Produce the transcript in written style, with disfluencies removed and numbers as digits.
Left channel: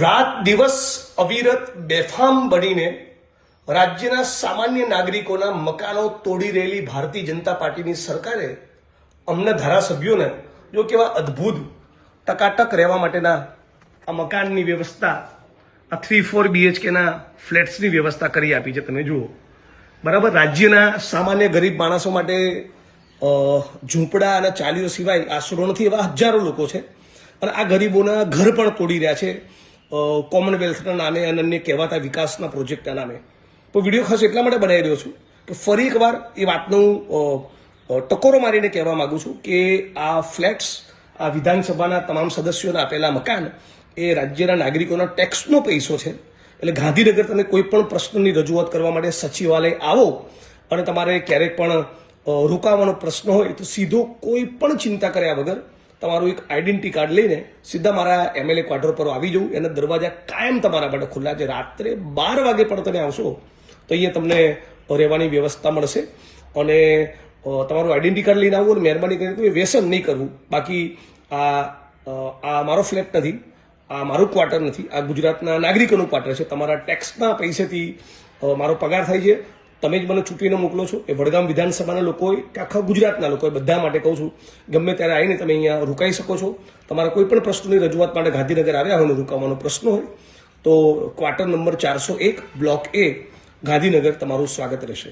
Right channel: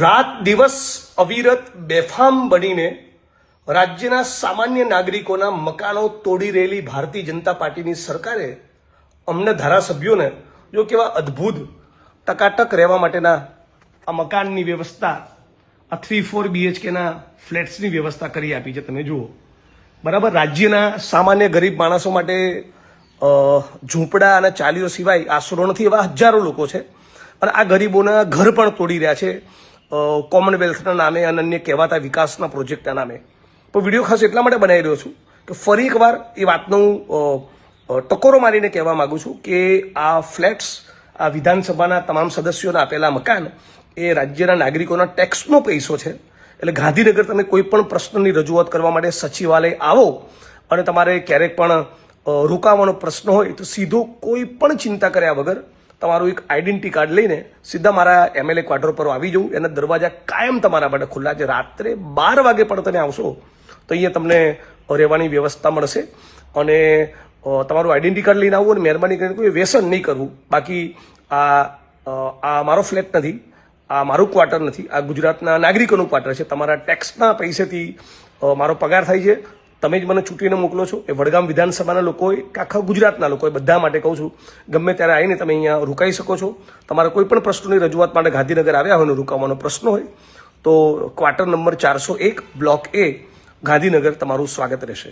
રાત દિવસ અવિરત બેફામ બનીને રાજ્યના સામાન્ય નાગરિકોના મકાનો તોડી રહેલી ભારતીય જનતા પાર્ટીની સરકારે અમને ધારાસભ્યોને જો કેવા અદ્ભુત ટકાટક રહેવા માટેના આ મકાનની વ્યવસ્થા, આ 3-4 BHKના ફ્લેટ્સની વ્યવસ્થા કરી આપી છે. તમે જુઓ બરાબર, રાજ્યના સામાન્ય ગરીબ માણસો માટે ઝૂંપડા અને ચાલીઓ સિવાય આશરો નથી એવા હજારો લોકો છે અને આ ગરીબોના ઘર પણ તોડી રહ્યા છે કોમનવેલ્થના નામે અને અન્ય કહેવાતા વિકાસના પ્રોજેક્ટના નામે. પણ વિડીયો ખાસ એટલા માટે બનાવી રહ્યો છું કે ફરી એકવાર એ વાતનું ટકોરો મારીને કહેવા માંગુ છું કે આ ફ્લેટ્સ, આ વિધાનસભાના તમામ સદસ્યોને આપેલા મકાન એ રાજ્યના નાગરિકોના ટેક્સનો પૈસો છે. એટલે ગાંધીનગર તમે કોઈ પણ પ્રશ્નની રજૂઆત કરવા માટે સચિવાલય આવો અને તમારે ક્યારેક પણ રોકાવાનો પ્રશ્ન હોય તો સીધો કોઈ પણ ચિંતા કર્યા વગર તમારું એક આઈડેન્ટિટી કાર્ડ લઈને સીધા મારા MLA ક્વાર્ટર પર આવી જવું. એના દરવાજા કાયમ તમારા માટે ખુલ્લા છે. રાત્રે 12 વાગે પણ તમે આવશો તો અહીંયા તમને રહેવાની વ્યવસ્થા મળશે અને તમારું આઈડેન્ટિટી કાર્ડ લઈને આવવું અને મહેરબાની કરીને કોઈ વ્યસન નહીં કરવું. બાકી આ મારો ફ્લેટ નથી, આ મારું ક્વાર્ટર નથી, આ ગુજરાતના નાગરિકોનું ક્વાર્ટર છે. તમારા ટેક્સના પૈસેથી મારો પગાર થાય છે. તમે જ મને ચૂંટીને મોકલો છો. એ વડગામ વિધાનસભાના લોકોએ કે આખા ગુજરાતના લોકોએ બધા માટે કહું છું, ગમે ત્યારે આવીને તમે અહીંયા રોકાઈ શકો છો. તમારા કોઈ પણ પ્રશ્નોની રજૂઆત માટે ગાંધીનગર આવ્યા હોય ને રોકાવાનો પ્રશ્ન હોય તો quarter number 401 block A Gandhinagar તમારું સ્વાગત રહેશે.